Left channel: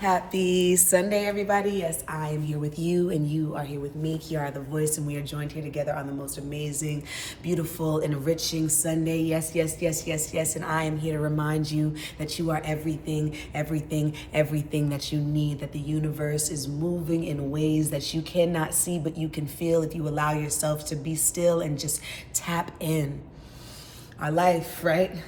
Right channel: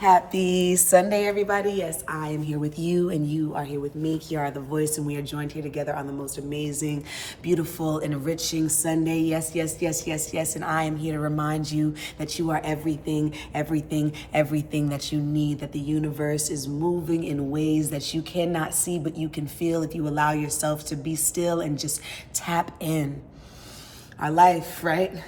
Happy Sunday, everybody. Yes, I am here with you, and you are here with me. Kiara the Voice, and we are joined here together on the most amazing, beautiful, enriching Sunday. Yes, yes, yes, yes, yes. And I am here to remind you that you are everything, everything, everything that you need, that the universe is moving in ways that you cannot see, but you can feel if you allow yourself to be still and just tap in. Our life, right,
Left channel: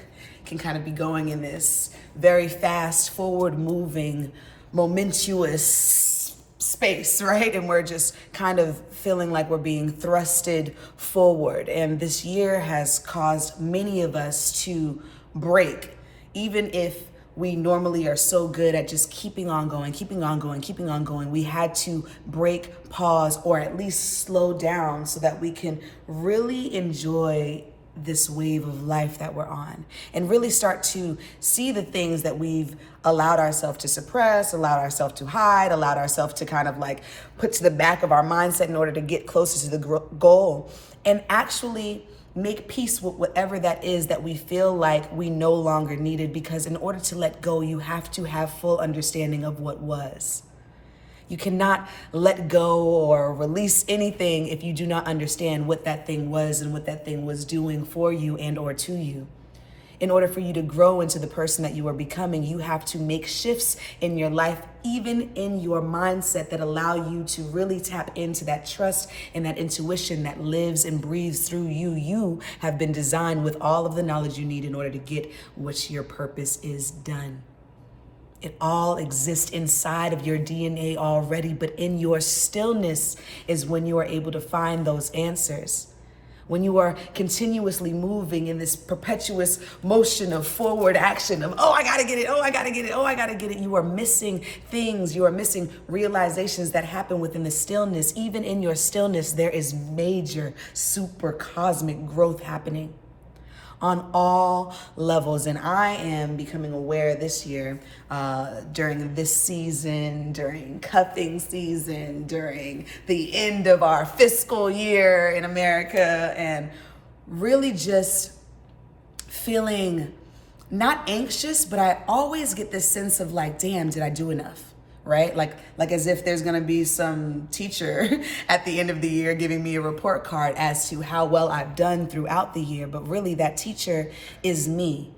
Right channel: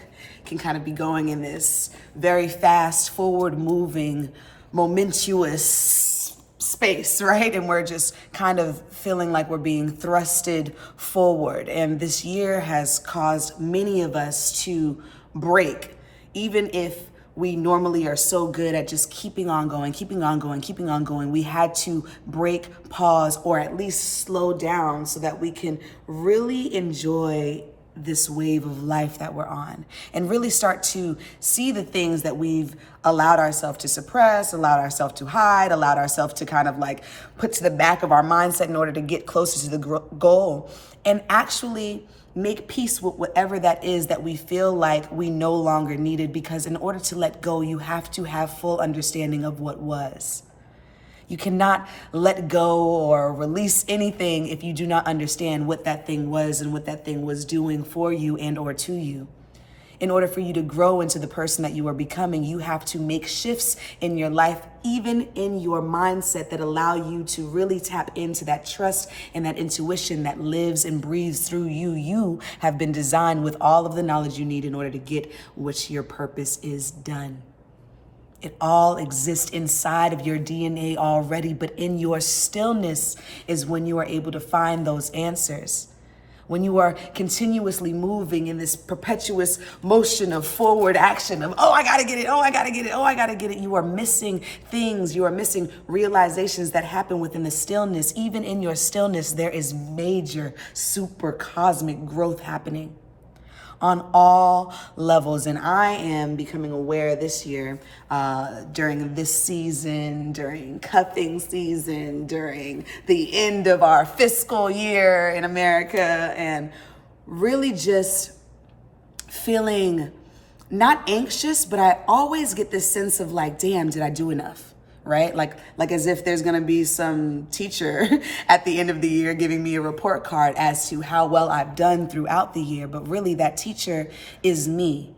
can kind of be going in this very fast, forward moving, momentous space, right? And we're just kind of feeling like we're being thrusted forward. And this year has caused many of us to break, even if we normally are so good at just keeping on going, keeping on going, keeping on going. We had to break, pause, or at least slow down so that we can really enjoy this wave of life that we're on and really start to see the things that we've allowed ourselves to suppress, allowed ourselves to hide, allowed ourselves to kind of like put to the back of our mindset in order to get closer to the goal, and actually make peace with whatever that is that we feel like we no longer needed, because in order to let go, you have to have full understanding of what was. You cannot let go or release anything if you do not understand what that thing was and what that thing was doing for you and or to you. In order for you to grow into the person that you are becoming, you have to make shifts in your life, even in your mindset, that allow you to really tap into that trust and that intuition that lives and breathes through you. You have been designed with all of the knowledge you need in order to get what your purpose is done. It all exists inside of your DNA already, but in your stillness is when you are able to find those answers. When you are continuously moving in this perpetuous motion of forward action of, oh, I gotta get it, oh, I gotta get it, oh, I gotta get it. You are missing things, you are missing realizations that happen within the stillness. Even in your stillness, there is major, super cosmic growth happening on all levels. And I am becoming aware this year, during this season, during cuffing season, during the end of our fiscal year in America, and really just feeling not anxious, but I always get this sense of like, damn, did I do enough? Right? Like as if there's gonna be some teacher at the end of the year giving me a report card as to how well I've done throughout the year. But really that teacher is me.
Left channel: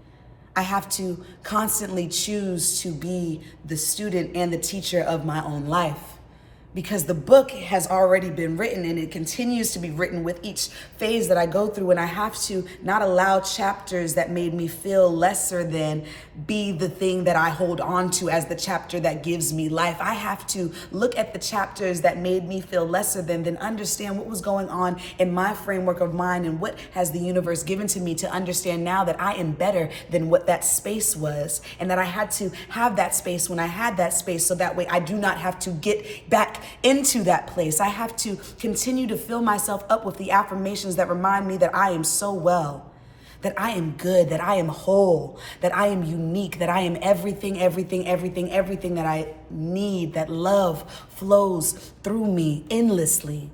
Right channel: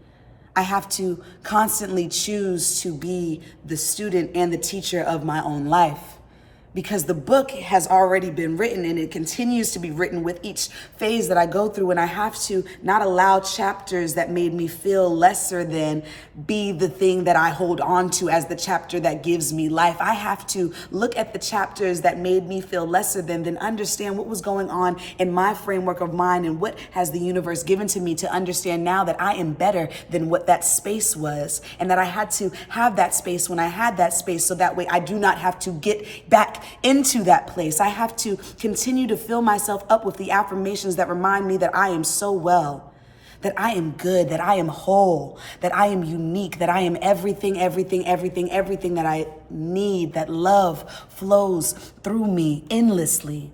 I have to constantly choose to be the student and the teacher of my own life, because the book has already been written and it continues to be written with each phase that I go through. And I have to not allow chapters that made me feel lesser than be the thing that I hold on to as the chapter that gives me life. I have to look at the chapters that made me feel lesser than, then understand what was going on in my framework of mind and what has the universe given to me to understand now that I am better than what that space was, and that I had to have that space when I had that space, so that way I do not have to get back into that place. I have to continue to fill myself up with the affirmations that remind me that I am so well, that I am good, that I am whole, that I am unique, that I am everything, everything, everything, everything that I need, that love flows through me endlessly,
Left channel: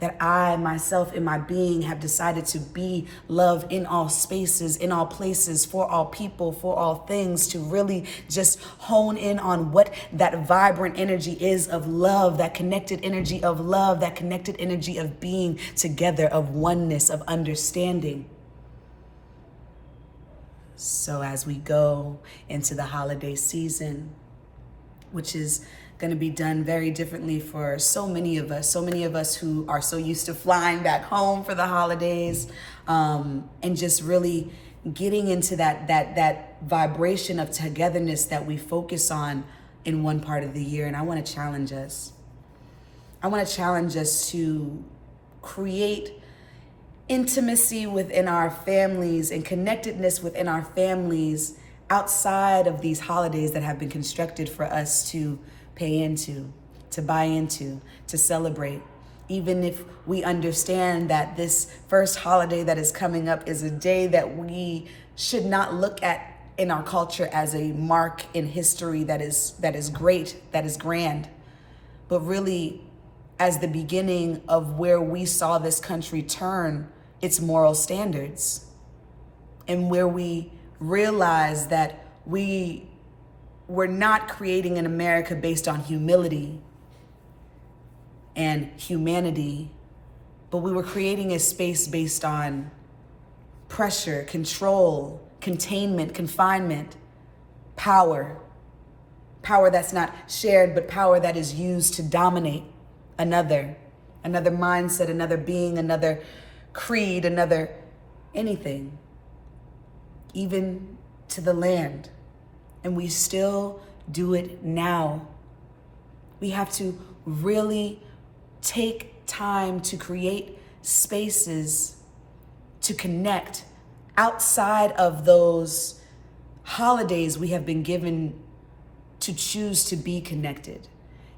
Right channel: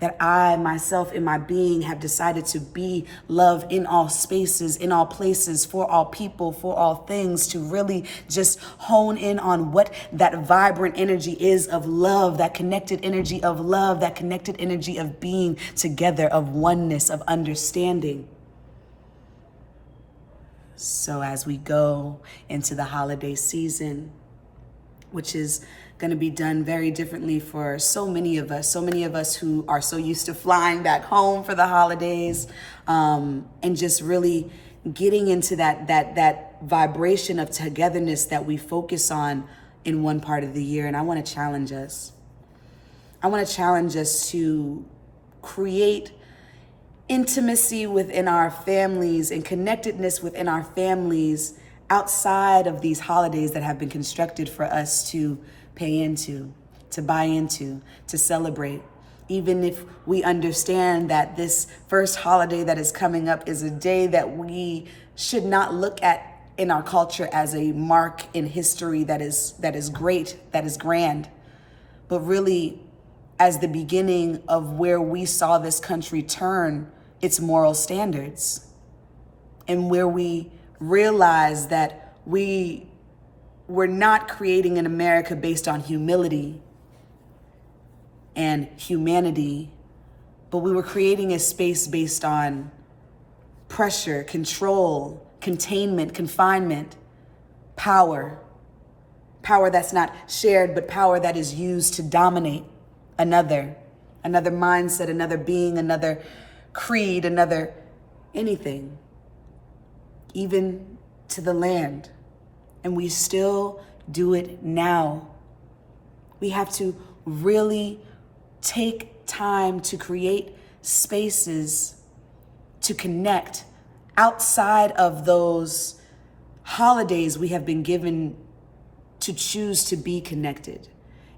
that I myself in my being have decided to be love in all spaces, in all places, for all people, for all things, to really just hone in on what that vibrant energy is of love, that connected energy of love, that connected energy of being together, of oneness, of understanding. So as we go into the holiday season, which is going to be done very differently for so many of us who are so used to flying back home for the holidays, and just really getting into that vibration of togetherness that we focus on in one part of the year. And I want to challenge us. I want to challenge us to create intimacy within our families and connectedness within our families outside of these holidays that have been constructed for us to pay into, to buy into, to celebrate. Even if we understand that this first holiday that is coming up is a day that we should not look at in our culture as a mark in history that is great, that is grand, but really as the beginning of where we saw this country turn its moral standards, and where we realized that we we're not creating an America based on humility and humanity, but we were creating a space based on pressure, control, containment, confinement, power. Power that's not shared, but power that is used to dominate another mindset, another being, another creed, another anything, even to the land. And we still do it now. We have to really take time to create spaces to connect outside of those holidays we have been given to choose to be connected.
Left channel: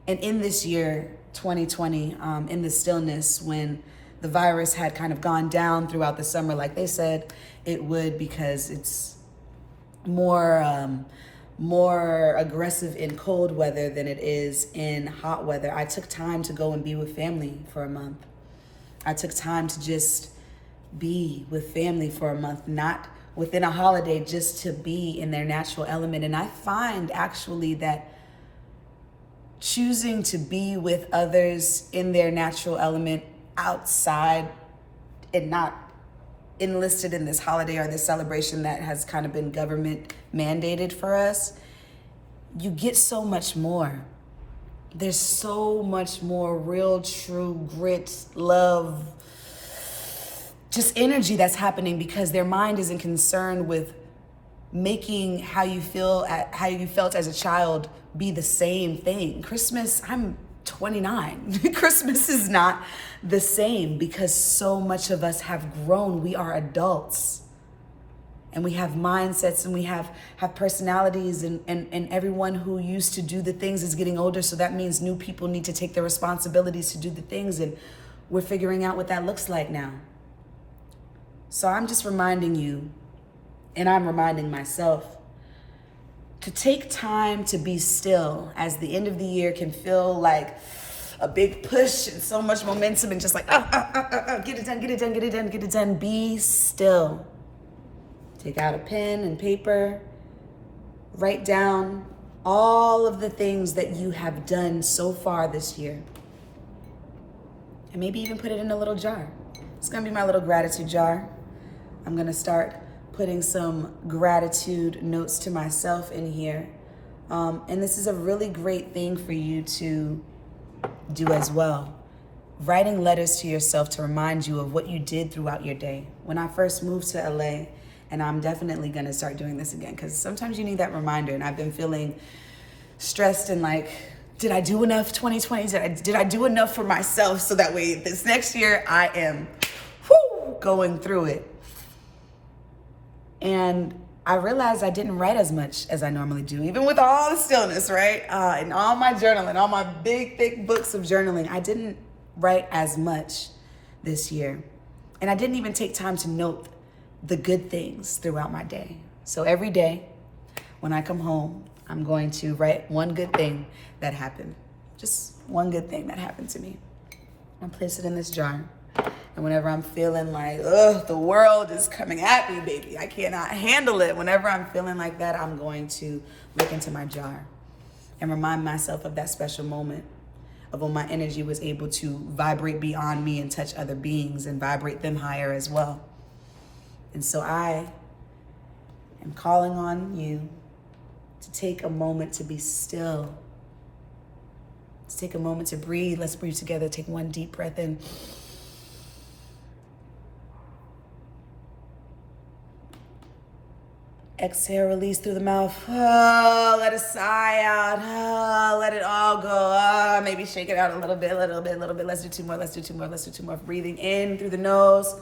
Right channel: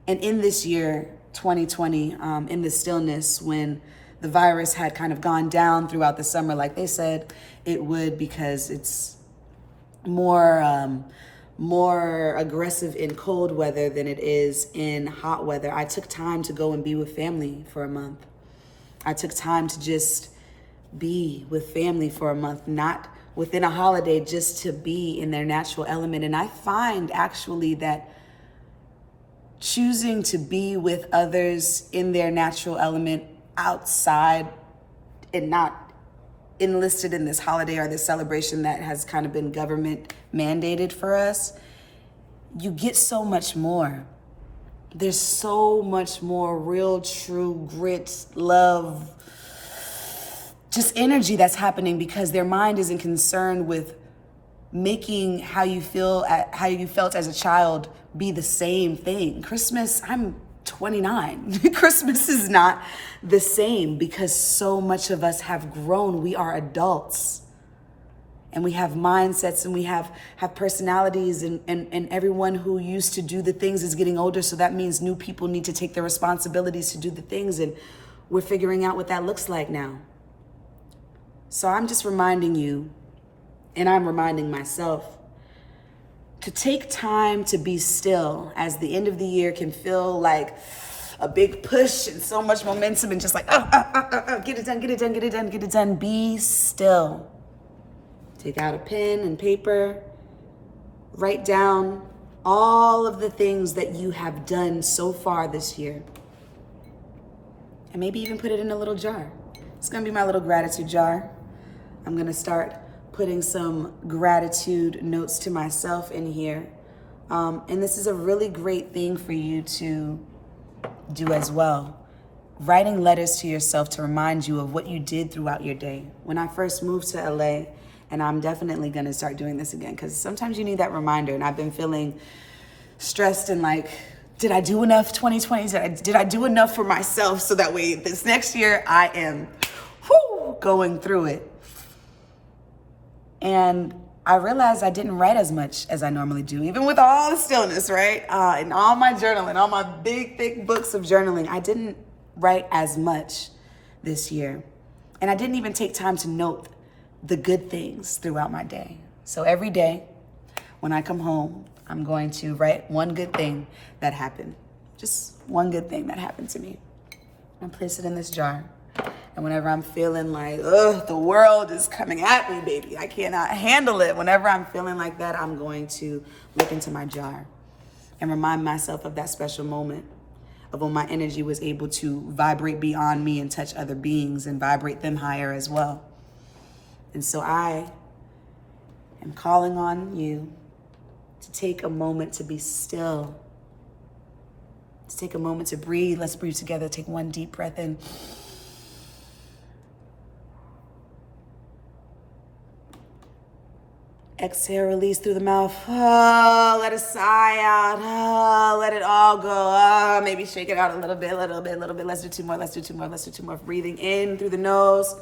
And in this year, 2020, in the stillness, when the virus had kind of gone down throughout the summer, like they said it would, because it's more aggressive in cold weather than it is in hot weather, I took time to go and be with family for a month. I took time to just be with family for a month, not within a holiday, just to be in their natural element. And I find actually that choosing to be with others in their natural element outside and not enlisted in this holiday or this celebration that has kind of been government mandated for us, you get so much more. There's so much more real, true grit, love, just energy that's happening, because their mind isn't concerned with making how you felt as a child be the same thing. Christmas, I'm 29. Christmas is not the same, because so much of us have grown. We are adults, and we have mindsets, and we have personalities, and everyone who used to do the things is getting older. So that means new people need to take their responsibilities to do the things, and we're figuring out what that looks like now. So I'm just reminding you, and I'm reminding myself, to take time to be still, as the end of the year can feel like a big push and so much momentum and just like, get it done, get it done, get it done, get it done. Be still. Take out a pen and paper. Write down all of the things that you have done so far this year. And maybe even put it in a little jar. It's gonna be my little gratitude jar. I'm gonna start putting some gratitude notes to myself in here. And this is a really great thing for you to do as well. Writing letters to yourself to remind you of what you did throughout your day. When I first moved to LA, and I'm definitely gonna start doing this again, because sometimes you need that reminder, and I've been feeling stressed and like, did I do enough 2020? Did I do enough for myself, so that way this next year I am going through it. And I realized I didn't write as much as I normally do, even with all the stillness, right? And all my journaling, all my big, thick books of journaling, I didn't write as much this year. And I didn't even take time to note the good things throughout my day. So every day when I come home, I'm going to write one good thing that happened. Just one good thing that happened to me. And place it in this jar. And whenever I'm feeling like, the world is coming at me, baby, I cannot handle it. Whenever I'm feeling like that, I'm going to look into my jar and remind myself of that special moment of when my energy was able to vibrate beyond me and touch other beings and vibrate them higher as well. And so I am calling on you to take a moment to be still, to take a moment to breathe. Let's breathe together. Take one deep breath in. Exhale, release through the mouth. Let it sigh out. Let it all go. Maybe shake it out a little bit. Let's do two more. Breathing in through the nose.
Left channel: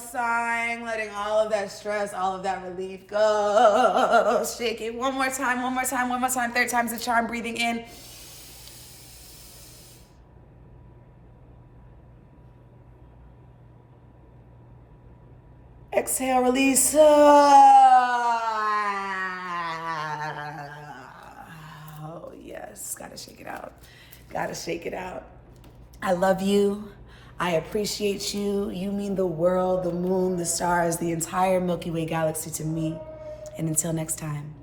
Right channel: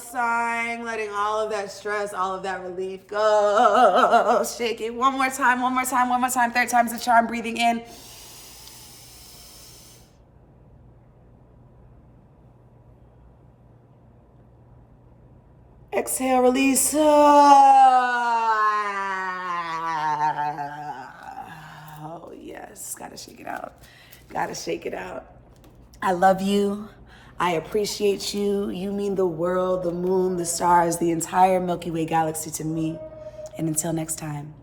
Sighing, letting all of that stress, all of that relief go. Shake it one more time. Third time's the charm. Breathing in. Exhale, release. Oh, yes. Gotta shake it out. I love you. I appreciate you. You mean the world, the moon, the stars, the entire Milky Way galaxy to me. And until next time.